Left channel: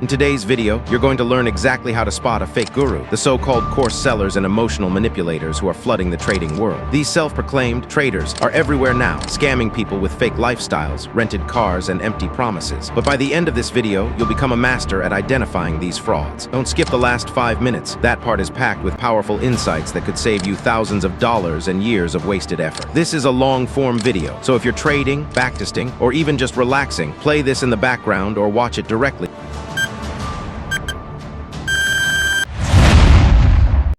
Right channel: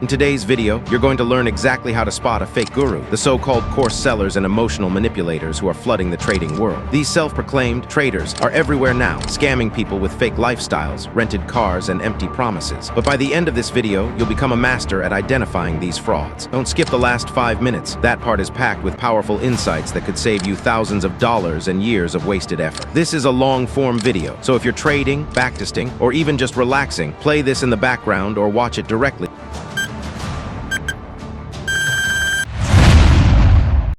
In today's video, you're going to learn exactly how to spot a fake guru, the so-called course sellers and emotional manipulators who are flooding the trading world. These self-proclaimed traders are everywhere now, scamming people with fake lifestyles, rented cars, and empty promises. But by the end of this video, you'll become a master at identifying these frauds. Don't skip the last 5 minutes. That part is packed with powerful insights that could save you thousands of dollars and years of wasted effort. This is a long-form video, so if you're trading, backtesting, or even just relaxing, play this in the background or watch it directly.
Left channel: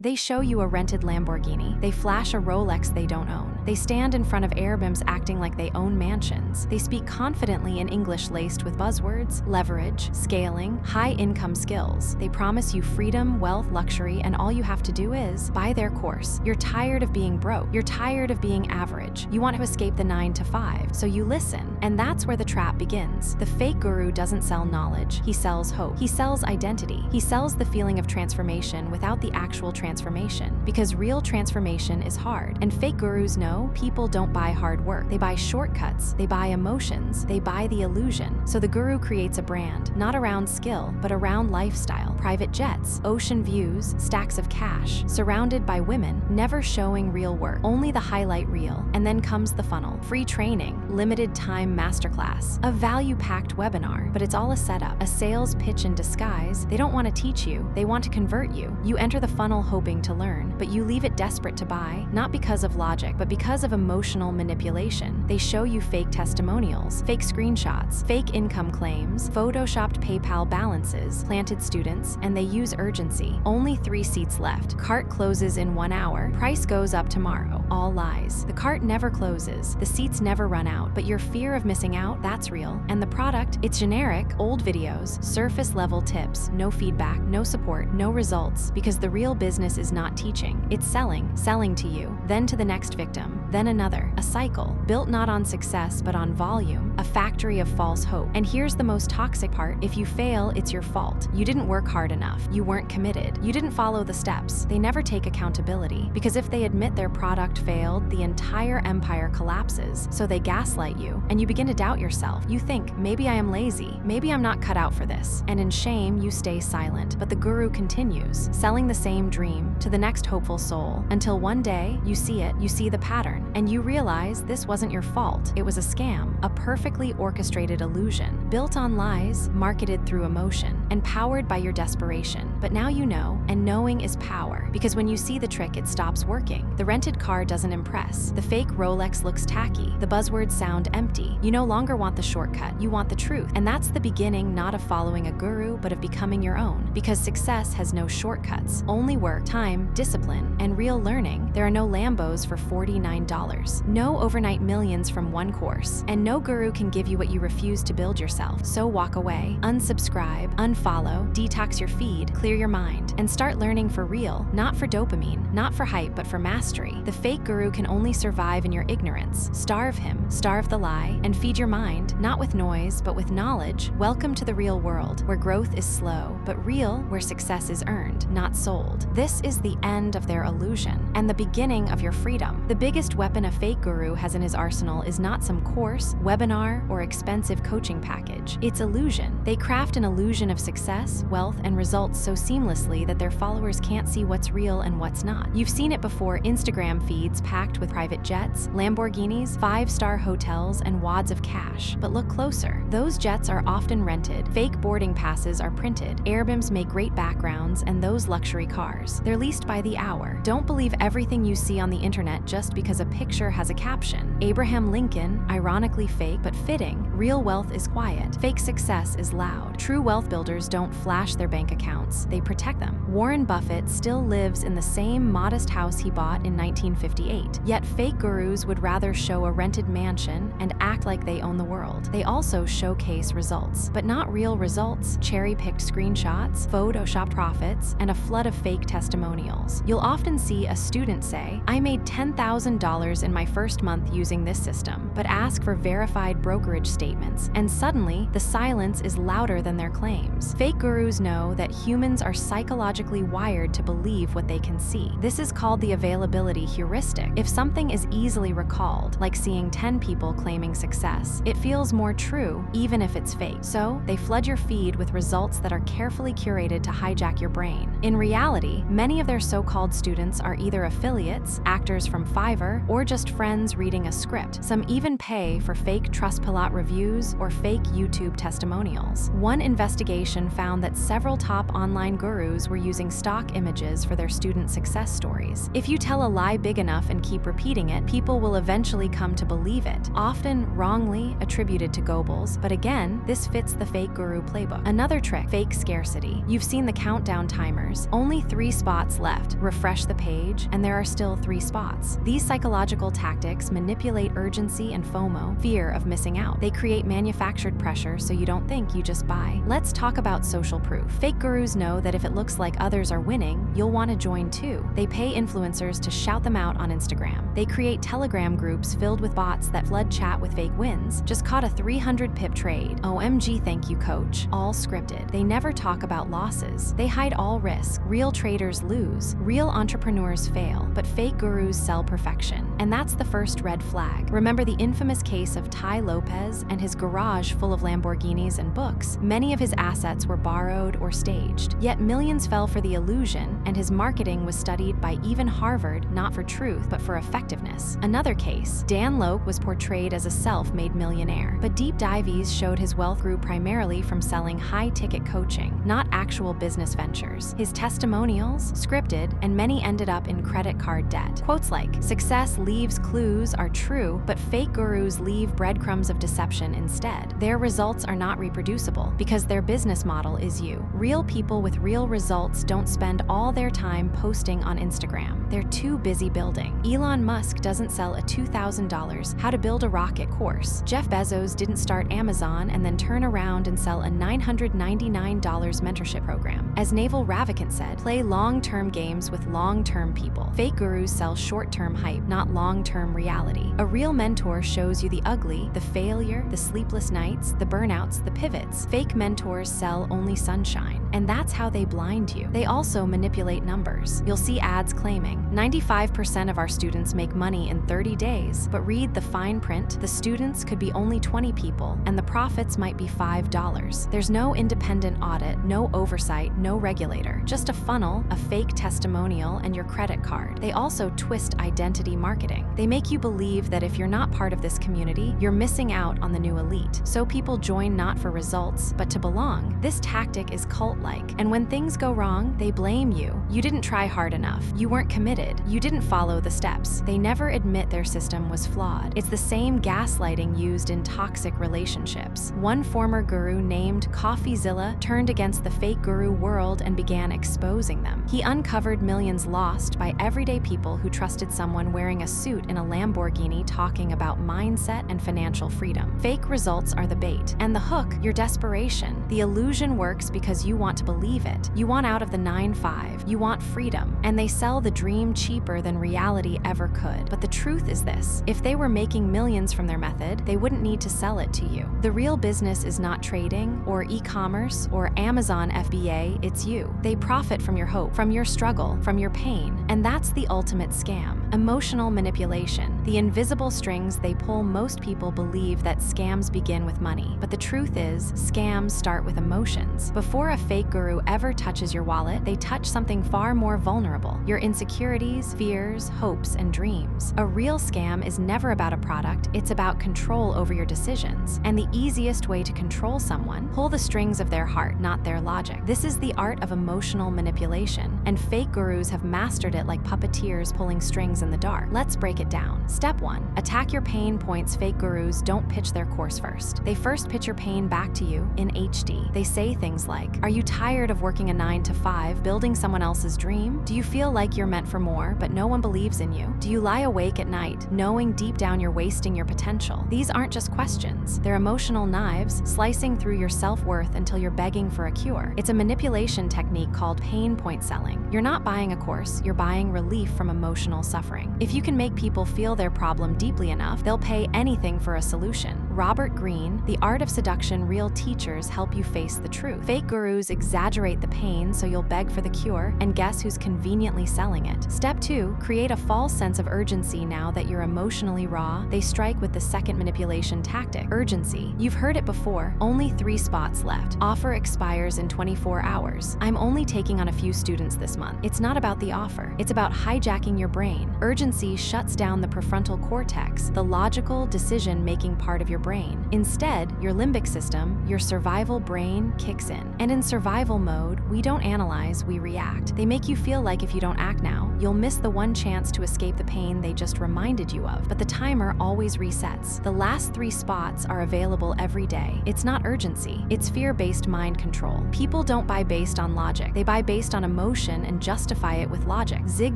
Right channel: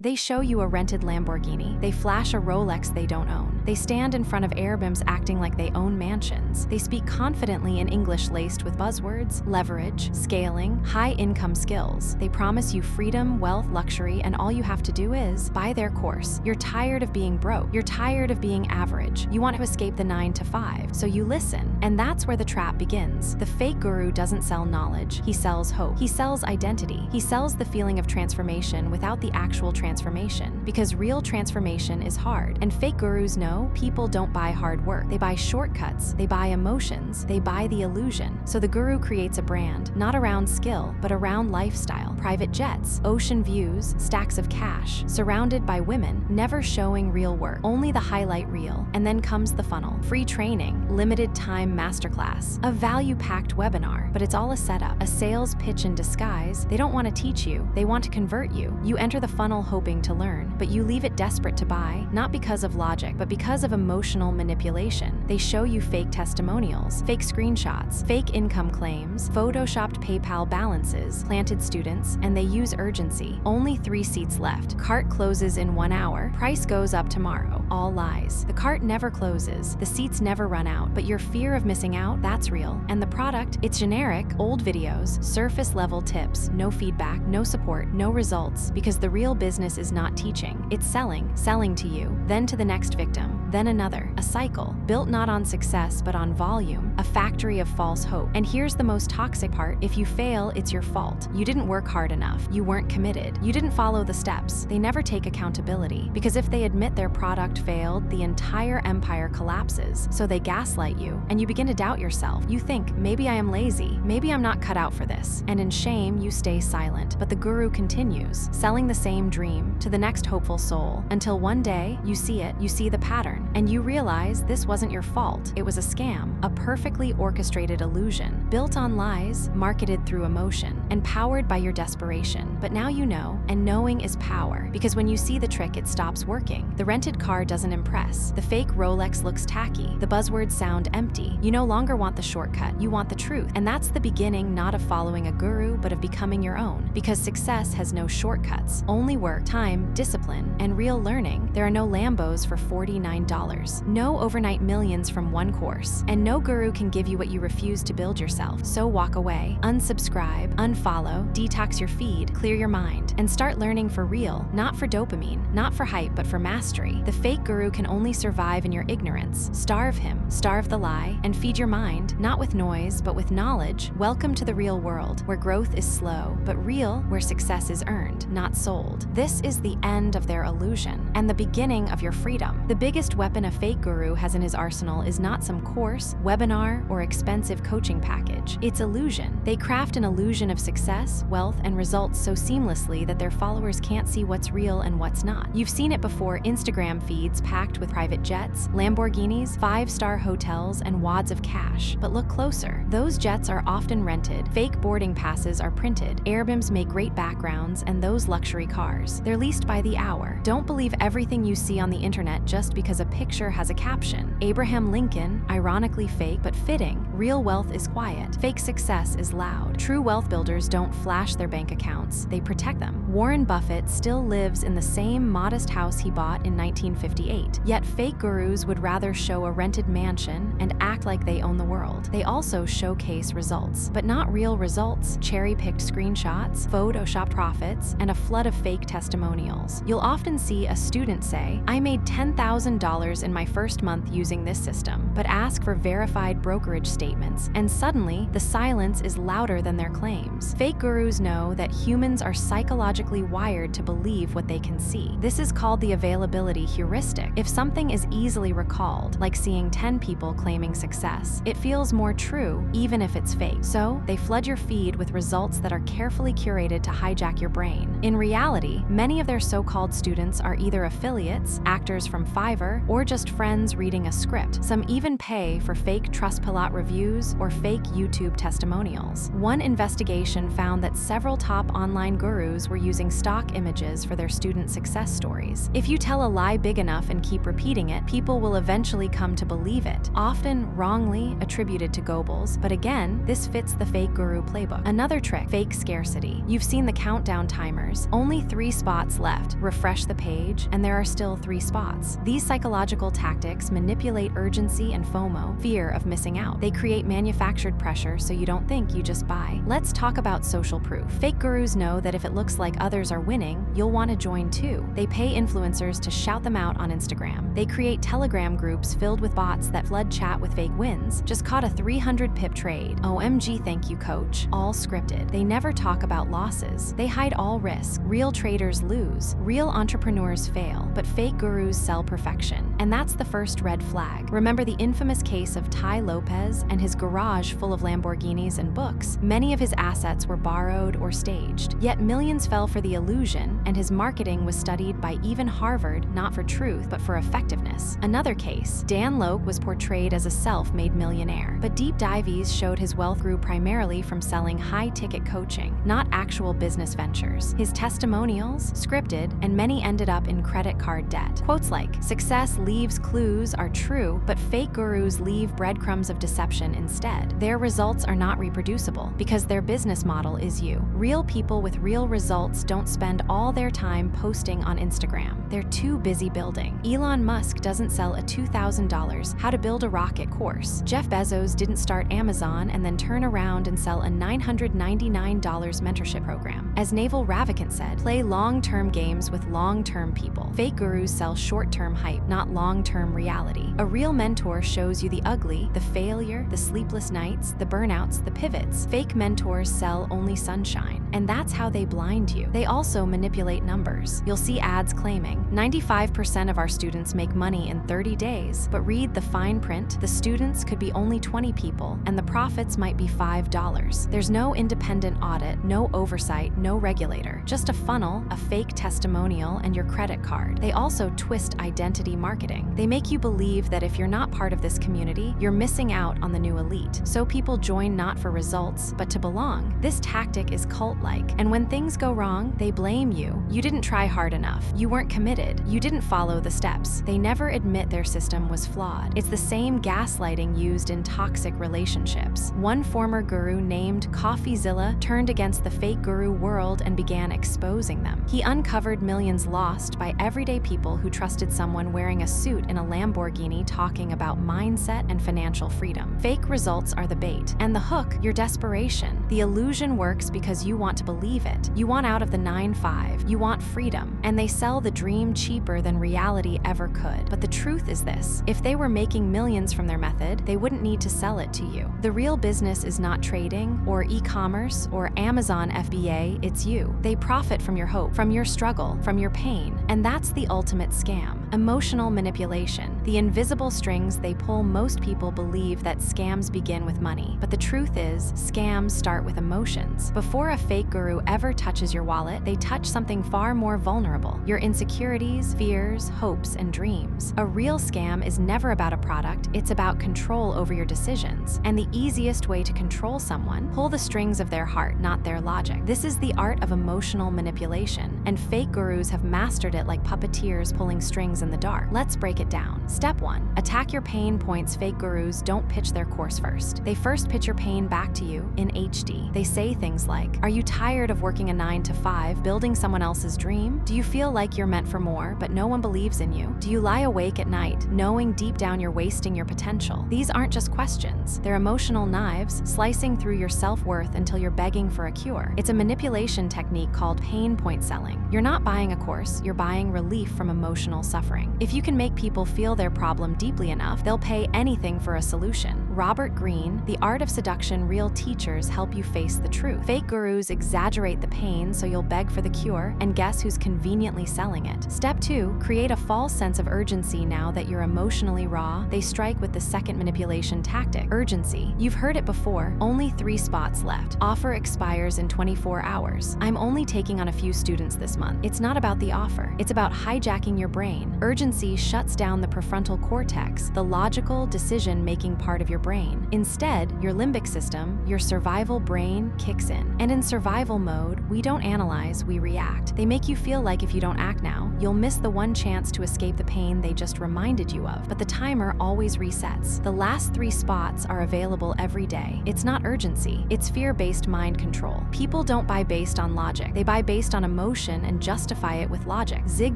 They show you a rented Lamborghini. They flash a Rolex they don't own. They stand in front of Airbnbs acting like they own mansions. They speak confidently in English laced with buzzwords, leverage, scaling, high-income skills. They promise you freedom, wealth, luxury, and all you have to do is buy their course. You're tired of being broke. You're tired of being average. You want to escape the 9 to 5, so you listen. And that's where the trap begins. The fake guru doesn't sell knowledge. He sells hope. He sells identity. He sells the feeling of transformation without the actual transformation, because real transformation is hard. And fake gurus know people don't buy hard work. They buy shortcuts. They buy emotions. They buy the illusion. So the guru creates a brand, not around skill, but around lifestyle. Private jets, ocean views, stacks of cash, surrounded by women, never showing real work, only the highlight reel. And then comes the funnel. Free training, limited time masterclass, a value-packed webinar, but it's all a setup, a sales pitch in disguise. They don't want to teach you. They want to convert you. You enter the funnel hoping to learn, but you leave it desperate to buy, not because of logic, but because of emotional manipulation. They show you fake testimonials, fake screenshots, fake income claims, photoshopped PayPal balances, planted students, and they use urgency. Only 3 seats left. Cart closes in 1 hour. Price goes up tomorrow. All lies. The cart never closes. The seats never run out, but your fear of missing out, that's real. And the product, it's generic, old videos, surface-level tips, no feedback, no support, no results, because the real business is not teaching. It's selling to you, then to the next victim, then another. A cycle, built not on success but on volume, a factory of false hope. And here's the most toxic part. If you fail, it's your fault. You didn't work hard enough. You weren't committed. You didn't follow the steps. They never take accountability, because if they admit their product failed, the entire empire collapses. So they gaslight you, and you begin to doubt yourself. You think, maybe I am lazy. Maybe I'm not cut out for this. And in shame, you stay silent. But the guru continues, selling the same dream to the next hopeful soul, until one day you see it, you see the pattern, and you realize this wasn't your fault. It was a scam, a perfectly orchestrated illusion, built on lies, marketed through emotion, and powered by your desperation. But now you know, and knowing is power, because when you see the trick, it stops working. The rented car doesn't impress. The fake Rolex looks tacky. The buzzwords sound empty. You no longer want the shortcut, you want the truth. And that's the beginning not of following a guru, but of becoming your own, because success has no shortcuts, only work, time, discipline, and real learning. There are no Lambos for $49, no overnight millions from one course, and no guru can give you what you refuse to build yourself. So walk away, unsubscribe, unfollow, detox your feed, clear your mind, and start learning for real, not for dopamine, not for hype, but for mastery. The fake guru can only survive in your ignorance. Starve him, starve the lie, and feed your mind, not with noise, but with knowledge. Welcome to the real world, where growth is slow, but real, where success is earned, not sold. This is the end of their illusion, and the beginning of your freedom. The biggest weapon a fake guru has in his arsenal is not some course, webinar, or expensive coaching package. It's illusion. They craft an illusion of success, wealth, and results so seamlessly that their followers can't see what's real and what's not. You've seen it before: Instagram feeds packed with private jets, Lamborghinis, 5-star hotels, and wads of cash. But look closer. Those jets are often rented, fake boarding passes are printed, Airbnbs make great backgrounds, and those luxury cars, they're leased by the hour. Don't believe everything you see on the internet just because a picture has a caption. Abraham Lincoln, ironically fake but fitting. Real wealth is quiet. Fake success is loud. True wealth builders don't flash their bank accounts. They protect them. Warren Buffett still lives in the same modest house he bought in 1958. Yet fake gurus would rather show a rented mansion and act like they own the world. They also showcase results, but not real results. Cherry-picked screenshots, Photoshop profits, and a flood of fake testimonials. You'll often see a student say, "I made $10,000 in my first month using this system," but ask for verified brokerage statements, and suddenly the silence is louder than their claims. gurus. Fake gurus know that humans are psychologically wired to believe what they can see. This is called the availability heuristic. If something is easily recalled, like seeing 10 people claiming success, it feels more true even if it's fake. So, they flood your feed with results that are carefully curated to hijack your brain. In reality, many of their so-called students are either affiliates, actors from Fiverr, or just friends reading a script. Some even pay for fake Trustpilot reviews or fake YouTube testimonials. One investigation found that several top online gurus were using stock images for their student success stories. If you tell a lie big enough and keep repeating it, people will eventually come to believe it, often wrongly attributed to Goebbels, but again, this fits the fake guru playbook. Another trick, fake scarcity. You've seen the countdown timers. Only 3 spots left. Refresh the page, and there are still 3 spots. These psychological tactics manipulate urgency and FOMO, fear of missing out. They create manufactured pressure so you don't think, you just buy. Let's talk about social proof. Fake gurus know that if it looks like others are winning, you'll want to join too. They pay influencers to shout them out on Instagram. They create Telegram groups filled with bots that flood chat with fake wins. Just caught a 300 pip trade. OMG, thank you, coach. All scripted. They never talk about losses. They hide all risk. Real traders lose. Real entrepreneurs fail. But fake gurus sell perfection. And that's the first red flag. Remember the infamous case of Tai Lopez and his garage full of Lamborghinis and books? Many of his assets were borrowed or staged. Yet millions fell for the illusion, and his marketing was studied by even Harvard, not for truth, but for effectiveness. Another case, Dan Lok was portrayed as a self-made millionaire, but deep dives showed his wealth grew primarily from selling high-ticket coaching, not actual business ventures. His testimonials, scripted, and many ended up in credit card debt. Quotes like, "Success leaves clues" are true, but fake gurus leave breadcrumbs of deception instead. Their results are not reproducible because their business model is you. Real people with real results don't spend all their time posting on Instagram. They're too busy building. Elon Musk doesn't sell a $2,000 how to build a rocket course. Jeff Bezos didn't start Amazon and then turn around and sell a $999 mentorship program. As Naval Ravikant said, play long-term games with long-term people. Fake gurus sell short-term hype, not long-term reality. A real mentor shows you the ugly, the failure, the sleepless nights, the burnouts, the pivots. Fake mentors sell only sunshine, and that's how they blind you. They also manipulate numbers. You'll see ads claiming 95% of our students make money in 30 days, but read the fine print. The students could be only 20 people, and the profits might be $5. There's no independent audit, no oversight, no regulator. Just a funnel, a fake testimonial, and your credit card. They also twist identity marketing. They make you believe that if you're not part of this community, you're missing out on the new elite. So people join not for results, but to belong. This tactic is cult-like, and when things go wrong, they blame you. You didn't try hard enough. You weren't committed. You didn't follow the steps. They never admit their system was flawed. It's the same gaslighting used in toxic relationships. One former guru named CoffeeZilla turned against the fake guru world and began exposing them. He uncovered millions lost by everyday people who trusted someone wearing a suit in a Lamborghini talking about mindset and financial freedom. Fake results are the bait, and the hook, your desperation. The illusion works because you want to believe it. You want out of the 9-5. You want freedom, and they sell the dream cheaper than reality ever could. But the truth is this: if they were making millions from their method, they wouldn't need to sell it to you. The real business is not trading or e-commerce or Amazon FBA, it's you. They profit from your hope, from your struggle, from your pain, and that's the ultimate scam. Emotional manipulation. The invisible strings they pull. Most people believe that scams begin with money, but the truth is, scams start with emotions. Before a fake guru ever touches your wallet, they touch something far more vulnerable: your insecurities, fears, hopes, and dreams. A real scam is never about a product, it's about control over your decisions. And the easiest way to control someone, pull the strings of their heart, not their logic. This is the art of emotional manipulation, and fake gurus have mastered it like puppeteers pulling strings in the dark. Let's break it down. Step 1. Attack your pain points. Fake gurus don't pitch their course first. They first pitch your pain back to you in HD. They say things like, are you tired of working a 9-to-5, building someone else's dream? Do you feel like you're meant for more, but no one believes in you? Do you lie awake at night, knowing deep down you're wasting your potential? These aren't just questions. They're emotional knives, slicing through your self-worth until you're begging for a cure. It's a manipulation technique called pain point selling. You're not buying a course, you're buying relief from emotional suffering. If you can make people feel their problem deeply enough, they'll pay anything for a solution. Robert Greene, The Art of Seduction, Real Teachers Help You Face the Truth. Fake gurus exaggerate the pain so you'll beg for the cure, and guess who's conveniently selling it? Step 2, create a false sense of urgency now that you're emotionally raw. They strike with the second manipulation tactic, urgency. You've heard it before, only 3 spots left. Offer expires in 24 hours. I'm only taking on a few students this month. It's not about the offer, it's about hijacking your brain. Urgency shuts down the prefrontal cortex, the logical, decision-making part of your brain. Instead, your limbic system, your survival brain, kicks in. And in survival mode, we don't analyze, we react. They make you feel like if you don't act now, you'll miss the one chance to escape the pain they just reminded you of. But the timer always resets. The last 3 spots are available every day. It's not urgency, it's fear-based mind control. People don't buy based on logic, they buy based on emotion and justify it with logic. Zig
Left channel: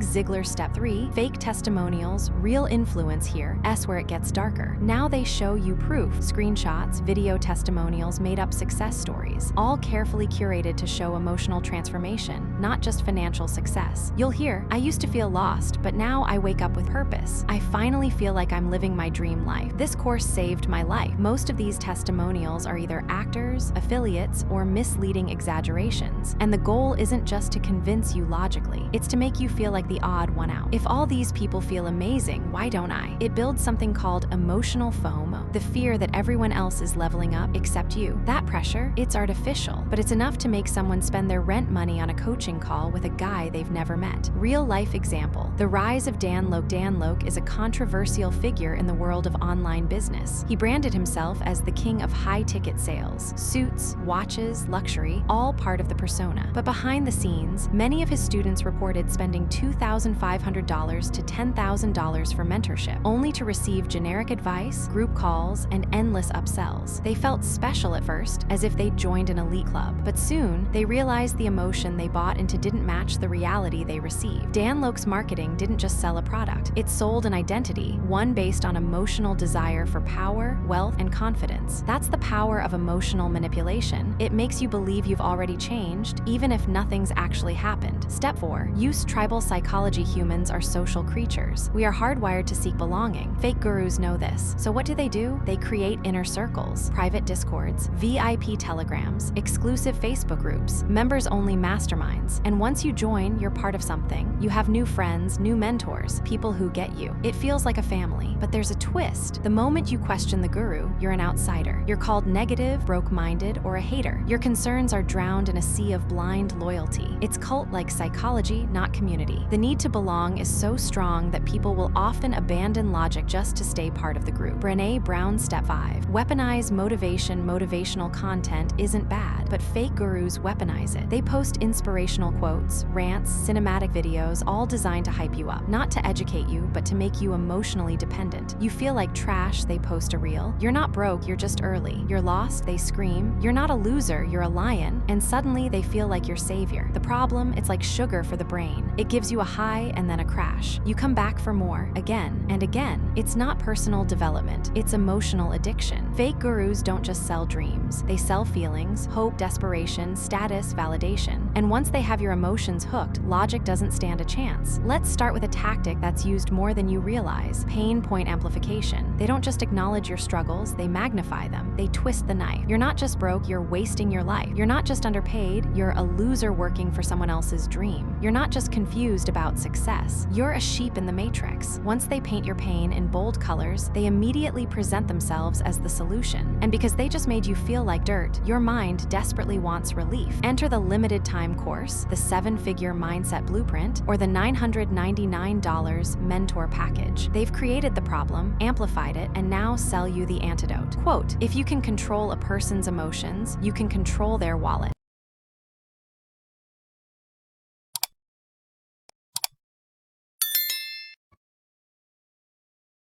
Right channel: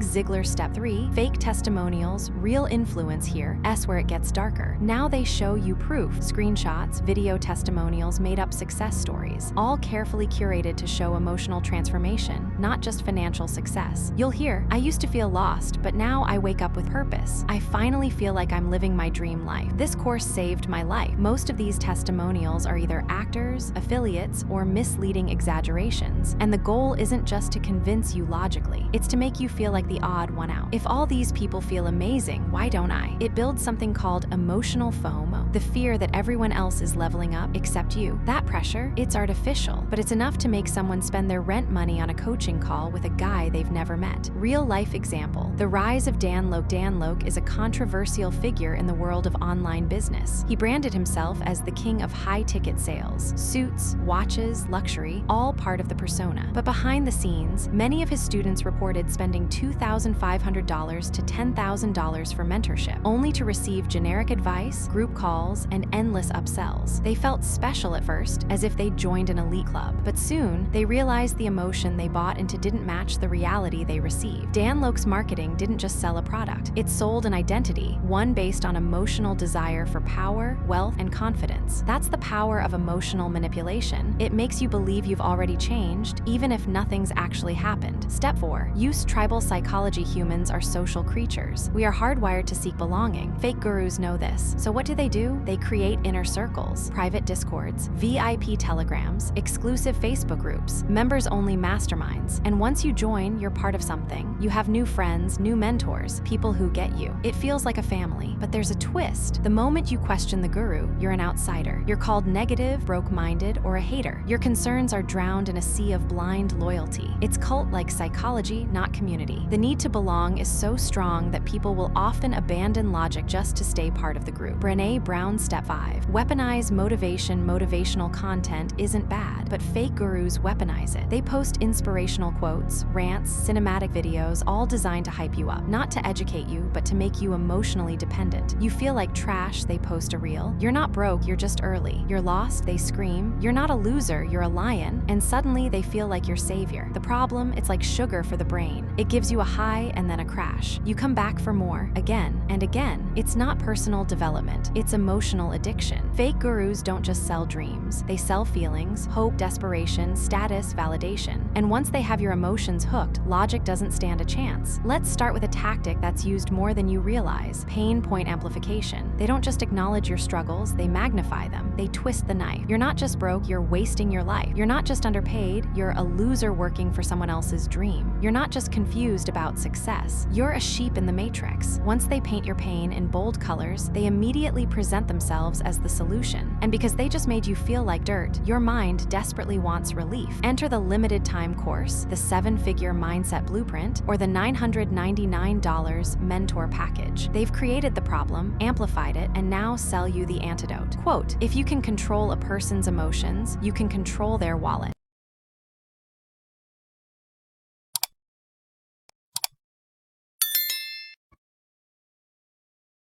Ziglar. Step 3, fake testimonials, real influence here, where it gets darker. Now they show you proof, screenshots, video testimonials, made-up success stories, all carefully curated to show emotional transformation, not just financial success. You'll hear, I used to feel lost, but now I wake up with purpose. I finally feel like I'm living my dream life. This course saved my life. Most of these testimonials are either actors, affiliates, or misleading exaggerations. And the goal isn't just to convince you logically, it's to make you feel like the odd one out. If all these people feel amazing, why don't I? It builds something called emotional FOMO, the fear that everyone else is leveling up except you. That pressure, it's artificial, but it's enough to make someone spend their rent money on a coaching call with a guy they've never met. Real-life example, the rise of Dan Lok. Dan Lok is a controversial figure in the world of online business. He branded himself as the king of high-ticket sales, suits, watches, luxury, all part of the persona. But behind the scenes, many of his students reported spending $2,500 to $10,000 for mentorship, only to receive generic advice, group calls, and endless upsells. They felt special at first, as if they'd joined an elite club. But soon, they realized the emotion they bought into didn't match the reality they received. Dan Lok's marketing didn't just sell a product, it sold an identity, one based on emotional desire for power, wealth, and confidence. That's the power of emotional manipulation. It makes you believe you've already changed, even if nothing's actually happened. Step 4, use tribal psychology. Humans are social creatures. We are hardwired to seek belonging. Fake gurus know this. So what do? They create inner circles, private discords, VIP telegrams, exclusive Facebook groups, members-only masterminds. And once you join, you're part of something. You have new friends, new mentors, people who get you. It feels like a family, but there's a twist. The moment you question the guru, you're an outsider. You're called negative, broke-minded, or a hater. Your concerns are drowned in a sea of blind loyalty. It's cult-like psychology, not community. The need to belong is so strong that people will often abandon logic just to stay part of the group. Brené Brown. Step 5, weaponize motivation. Motivational content isn't bad, but fake gurus weaponize it. They post inspirational quotes, rants, cinematic videos, all designed to hype you up, not to educate you, but to make you emotionally dependent. You feel like trash, they post a reel. You're not broke, you're just early. You're lost, they scream. You're not a loser, you're a lion. And suddenly they feel like your savior. The problem, it's like sugar for the brain. It gives you a high and then a crash. You come back for more, again and again. It's not personal development, it's emotional addiction. Fake gurus don't just sell dreams, they sell feelings, hope, desperation, status, validation. And once they have your emotions hooked, logic doesn't stand a chance. Let's start with a tactic that's used more than you realize: pain point amplification. They don't just acknowledge your struggles, they magnify them. They twist the knife. You're not just broke, you're wasting your life. You're not just underpaid, you're a loser working for someone else's dream. You're not just confused about success, you're a sheep in the matrix. Once they paint your pain in bold colors, they immediately present themselves as the solution. And because they just made you feel like dirt, your mind desperately wants relief. Enter the limited time course, the 7-figure mindset blueprint, or the $999 mentor package. They've created the problem, amplified it, and now sell you the antidote. Quote, if you can control a person's emotions, you can control their wallet.